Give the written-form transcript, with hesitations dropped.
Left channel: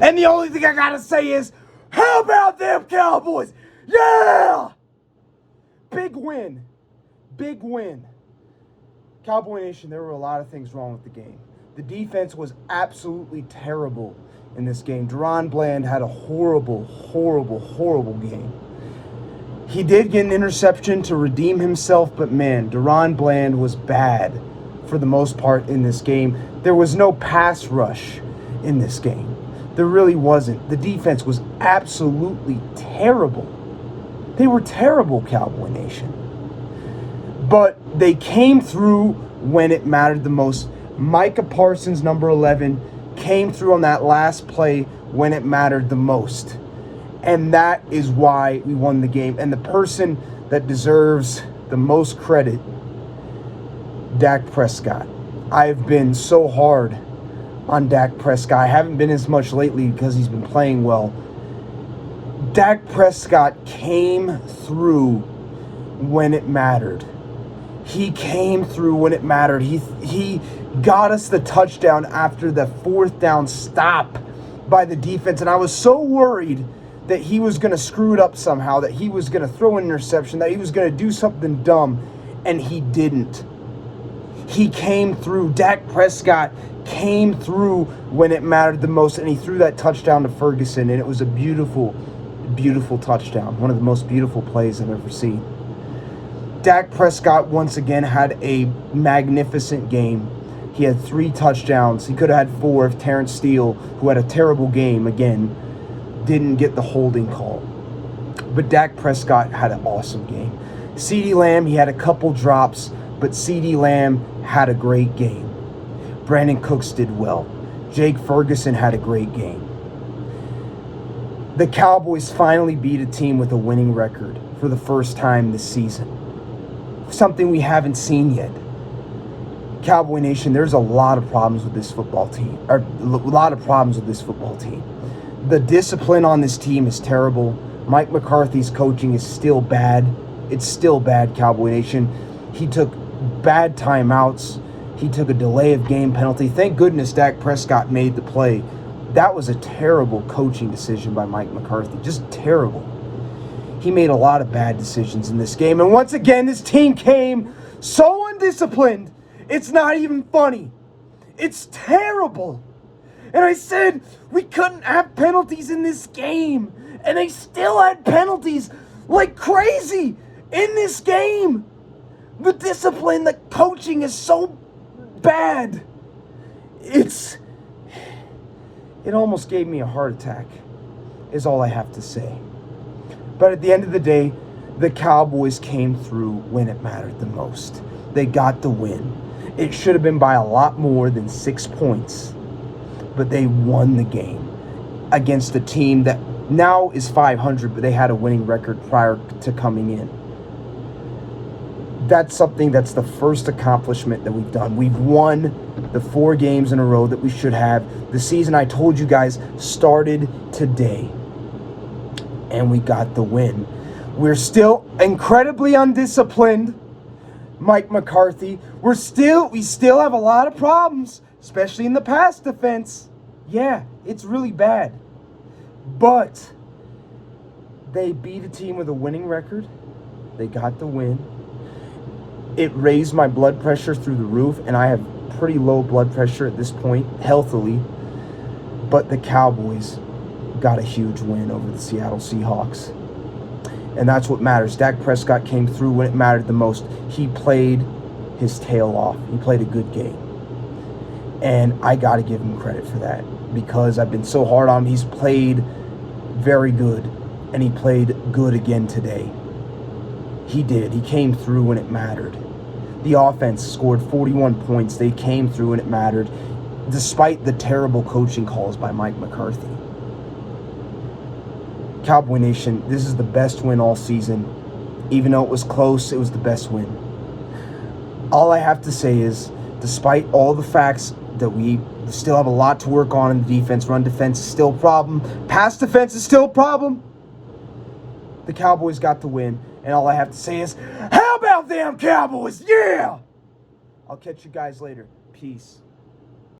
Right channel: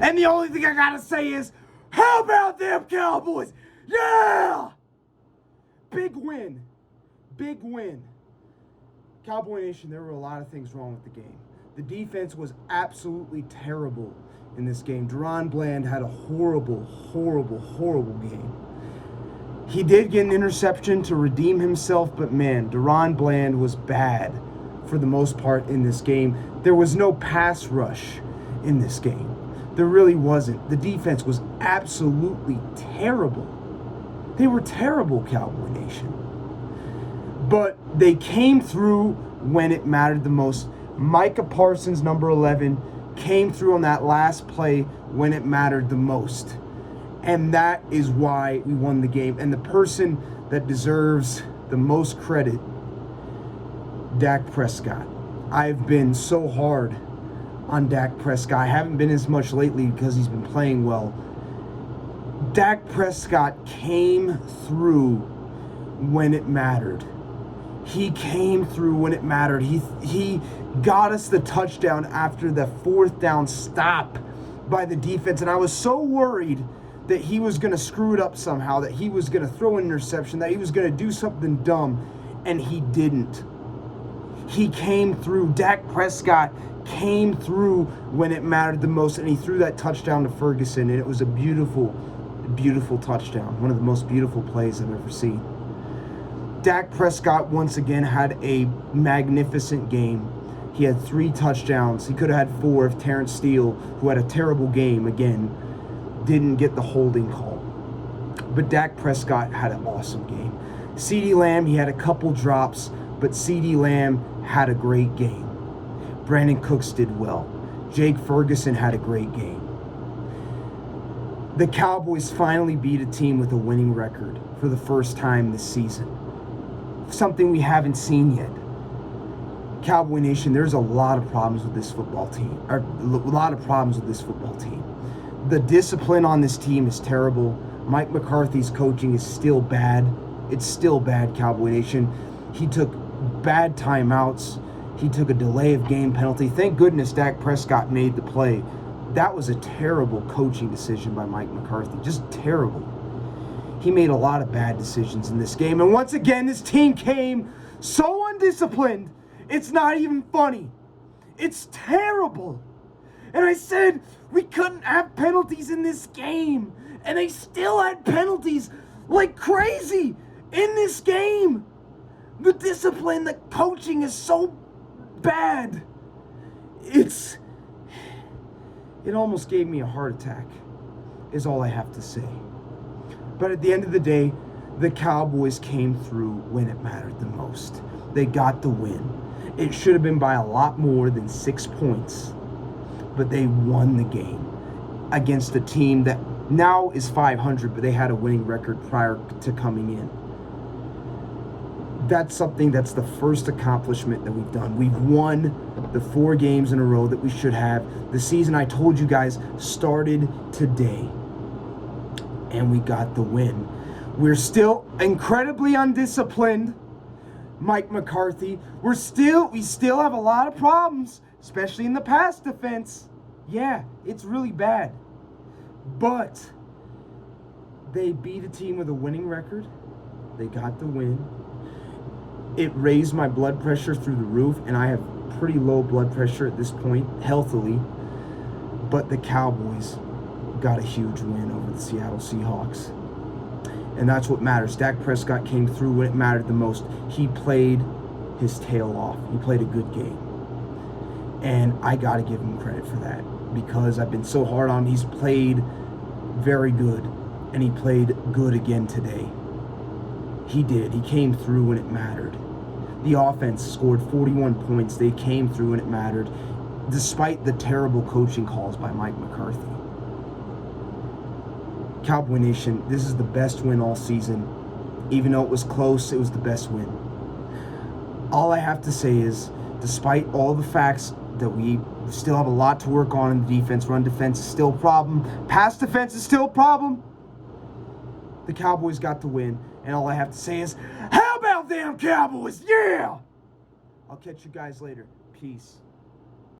And the only thing I gotta say is, how about them Cowboys? Yeah! Big win. Big win. Cowboy Nation, there were a lot of things wrong with the game. The defense was absolutely terrible in this game. Deron Bland had a horrible, horrible, horrible game. He did get an interception to redeem himself, but man, Deron Bland was bad for the most part in this game. There was no pass rush in this game. There really wasn't. The defense was absolutely terrible. They were terrible, Cowboy Nation. But they came through when it mattered the most. Micah Parsons, number 11, came through on that last play when it mattered the most. And that is why we won the game. And the person that deserves the most credit, Dak Prescott. I've been so hard on Dak Prescott. I haven't been as much lately because he's been playing well. Dak Prescott came through when it mattered. He came through when it mattered. He got us the touchdown after the fourth down stop by the defense. And I was so worried that he was going to screw it up somehow, that he was going to throw an interception, that he was going to do something dumb. And he didn't. He came through. Dak Prescott came through when it mattered the most. And he threw that touchdown to Ferguson. And it was a beautiful, beautiful touchdown. One of the most beautiful plays I've ever seen. Dak Prescott once again had a magnificent game. He had 3 touchdowns. He could have had 4 if Terrence Steele, who had a terrible game again, didn't get the holding call. But Dak Prescott had an awesome game. CeeDee Lamb, he had a couple drops, but CeeDee Lamb had a great game. Brandon Cooks did well. Jake Ferguson had a great game. The Cowboys finally beat a team with a winning record for the first time this season. Something we haven't seen yet. Cowboy Nation, there's a lot of problems with this football team. The discipline on this team is terrible. Mike McCarthy's coaching is still bad. It's still bad, Cowboy Nation. He took bad timeouts. He took a delay of game penalty. Thank goodness Dak Prescott made the play. That was a terrible coaching decision by Mike McCarthy. Just terrible. He made a lot of bad decisions in this game. And once again, this team came so undisciplined, it's not even funny. It's terrible. And I said we couldn't have penalties in this game. And they still had penalties like crazy in this game. The discipline, the coaching is so bad. It almost gave me a heart attack, is all I have to say. But at the end of the day, the Cowboys came through when it mattered the most. They got the win. It should have been by a lot more than 6 points. But they won the game against a team that now is 500, but they had a winning record prior to coming in. That's something that's the first accomplishment that we've done. We've won the 4 games in a row that we should have. The season, I told you guys, started today. And we got the win. We're still incredibly undisciplined, Mike McCarthy. We still have a lot of problems, especially in the pass defense. Yeah, it's really bad. But they beat a team with a winning record. They got the win. It raised my blood pressure through the roof, and I have pretty low blood pressure at this point, healthily. But the Cowboys got a huge win over the Seattle Seahawks. And that's what matters. Dak Prescott came through when it mattered the most. He played his tail off. He played a good game. And I got to give him credit for that because I've been so hard on him. He's played very good, and he played good again today. He did. He came through when it mattered. The offense scored 41 points. They came through when it mattered, despite the terrible coaching calls by Mike McCarthy. Cowboy Nation, this is the best win all season. Even though it was close, it was the best win. All I have to say is, despite all the facts that we still have a lot to work on in the defense, run defense is still a problem, pass defense is still a problem, the Cowboys got the win. And all I have to say is, how about them Cowboys? Yeah! I'll catch you guys later. Peace.